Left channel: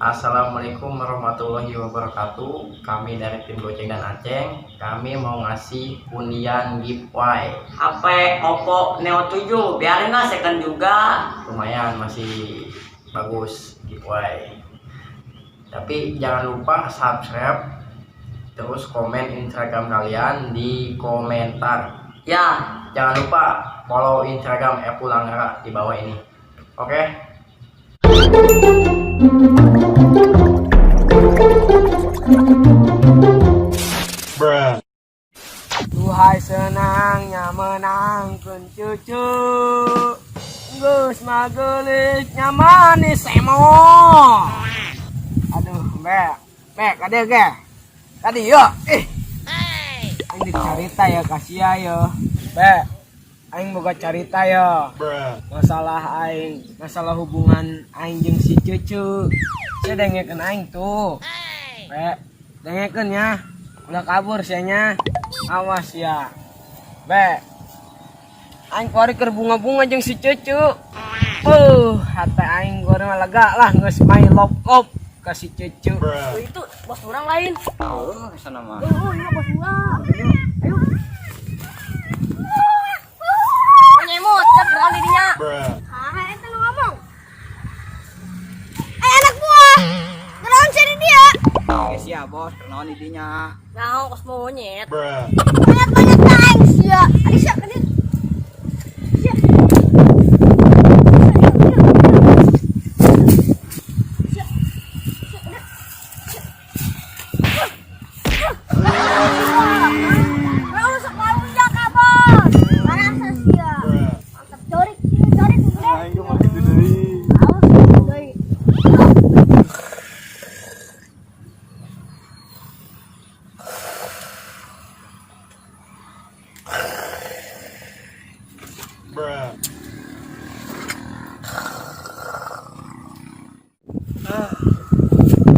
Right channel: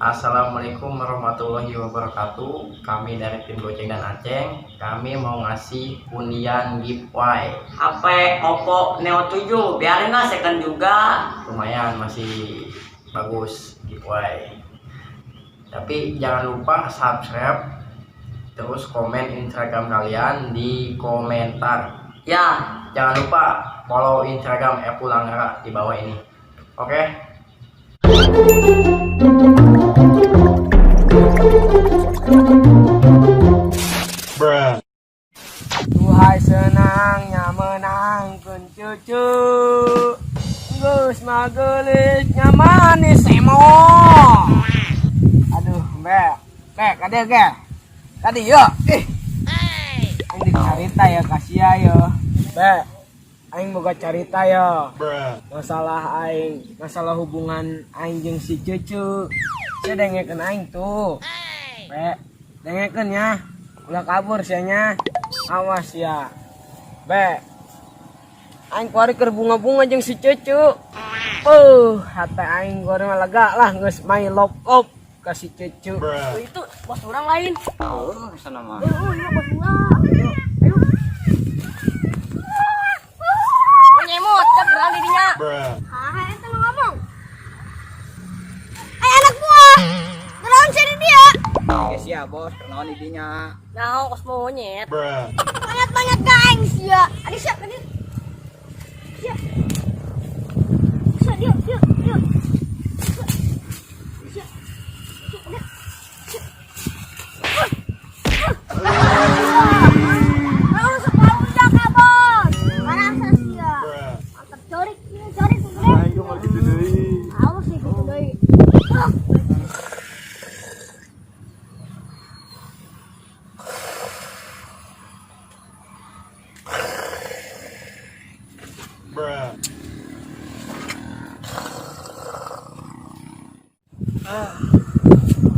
Assalamualaikum warahmatullahi wabarakatuh. Kami dari tim Goceng dan Aceng. Kami mau ngasih undian giveaway HP Oppo Neo 7. Biarin lah second juga. lumayan, masih bagus giveaway. Tapi jangan lupa subscribe, terus komen Instagram kalian di komentar. Ya, Jangan lupa follow Instagram Epulanggara di bawah ini. Oke? Duhai senangnya menangkan cucu, Gus magelisnya manis semua. Aduh, Bek, ada ke? Tadi yuk, Aing dicarita ya kasih ya, Bek. Aing boga carita ya. Masalah hubungan aing jeung si cucu. Saya dengekeun aing tuh. Bek, dengekeun ya. Udah kabur sianya. Awas ya. Bek. Aing kuari keur bunga-bunga jeung si cucu. Hati aing gore mah lega lah geus main lop-lop ka si cucu. Itu bos orang lain. Kesana mah. Iya bos orang. Ayo. Nyemot, cakran dirinya. Hah, ente lu ngomong. Anak buah. Kenaon cari dia? Guys ya bos, kenaon idinya. Nah, kos monyet. Banyak-banyak kain sia. Ada siapa nih? Sia.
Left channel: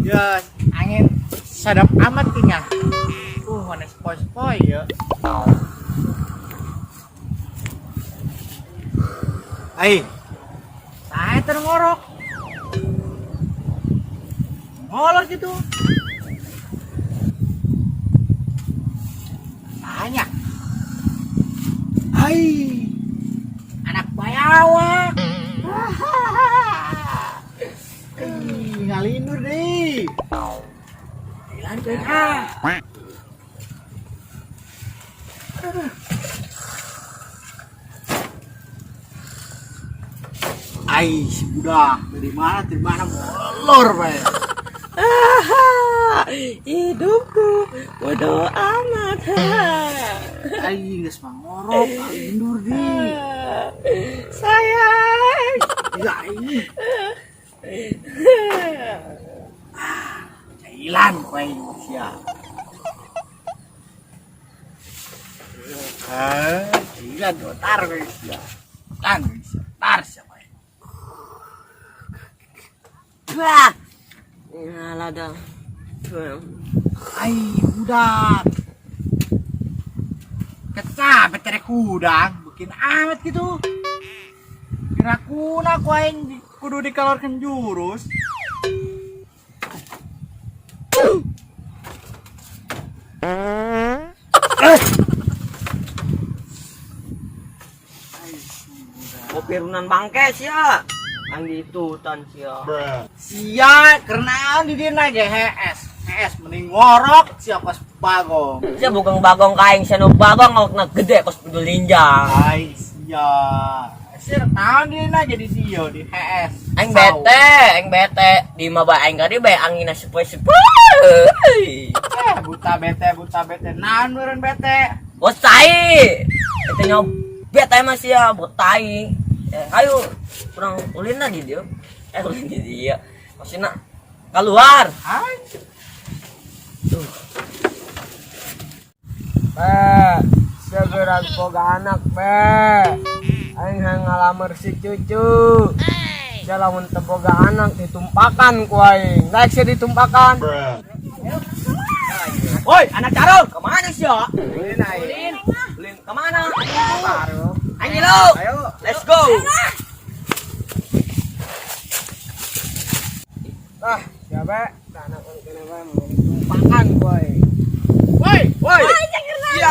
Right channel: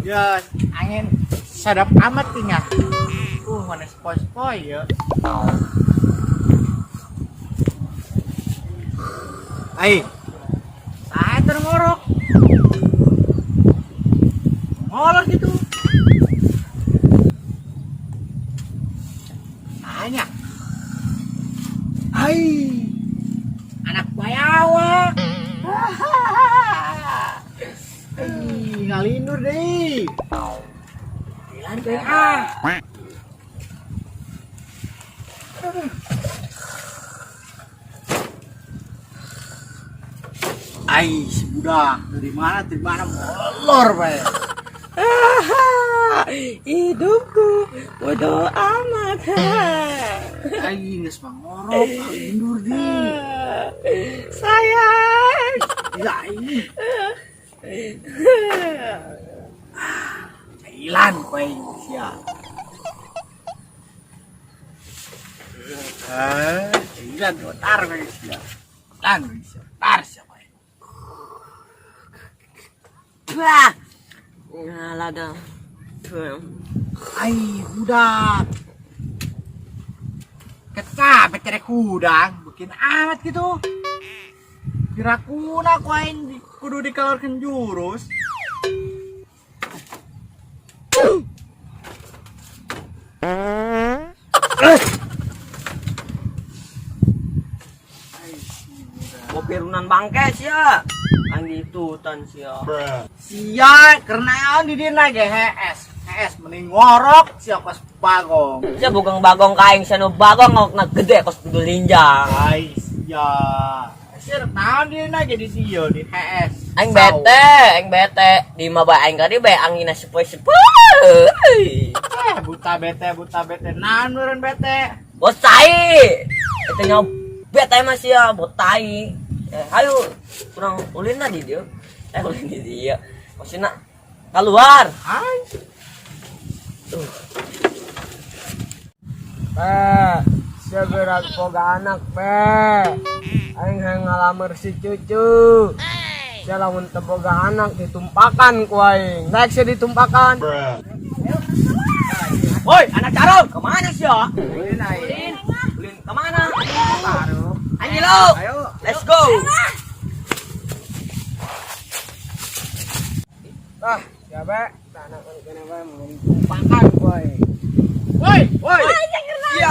Ya, angin sadap amat tinggal. Mana spoi-spoi ya. Ai. Saya terngorok. Ngolor gitu. Banyak. Hai. Anak bayawa. Ngalindur deh. Hilang kan Ai, si budak dari mana molor bae. Hidupku bodoh amat. Ai, geus mangorok, ngalindur deh. Sayang. Ya ini. Cailan kowe sia. Cailan otar kowe sia. Tan sia, tar sia kowe. Wah. Ngalah dah. Ai, budak. Kecap cerek udang, bikin amat gitu. Kira-kuna ku aing kudu dikalorkeun jurus. kopi runan bangke sia. Anggitu tan sia. Sia karena di dina ge HS mending ngorok sia kos bagong. Sia bugang bagong kaing sia nu bagong ngok gede kos kudu linjang. Ai sia. Sia naon dina jadi dia di HS. Aing bete di mah bae aing kadi bae angina sepoi-sepoi. Buta bete naon meureun bete. Bos tai. Eta nyaw bete mah sia bos tai. Ayo kurang ulin lah di dia. Ulin di dia. Maksudna keluar. Hai. Segera boga anak aing hayang ngalamar si cucu. Dia lamun teu boga anak ditumpakan ku aing. Naik sih ditumpakan. Woi, anak carong, kemana sih ya? Ulin, kemana? Ayo, let's go. Siapa? Tanah kenapa mau tumpakan boy. Woi. Iya.